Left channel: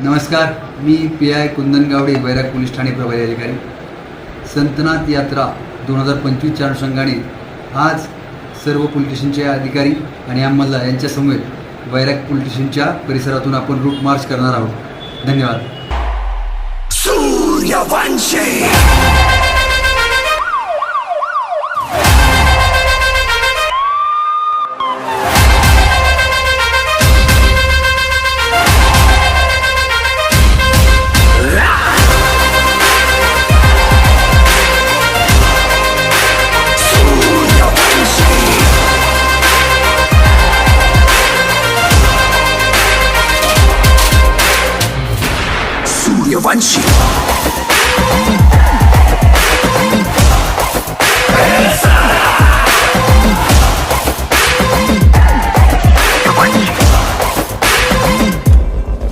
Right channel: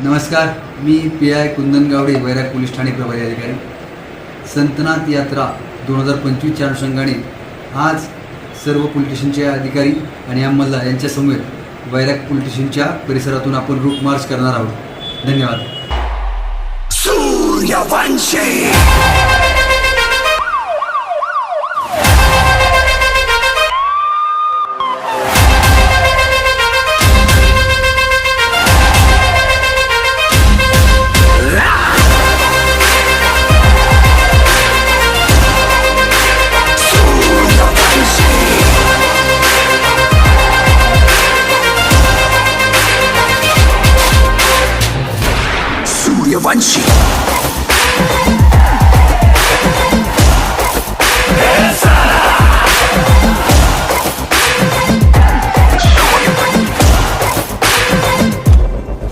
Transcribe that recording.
नमस्कार, मी PI कुंदन गावडे, वैराग police Thane प्रभारी अधिकारी. संतनाथ यात्रा 2025च्या अनुषंगाने आज सर्व पोलीस स्टेशनचे अधिकारी आणि अंमलदार यांच्यासमवेत वैराग पोलीस स्टेशनच्या परिसरातून आपण रूट मार्च करणार आहोत. धन्यवाद. सूर्यवंशी सूर्यवंशी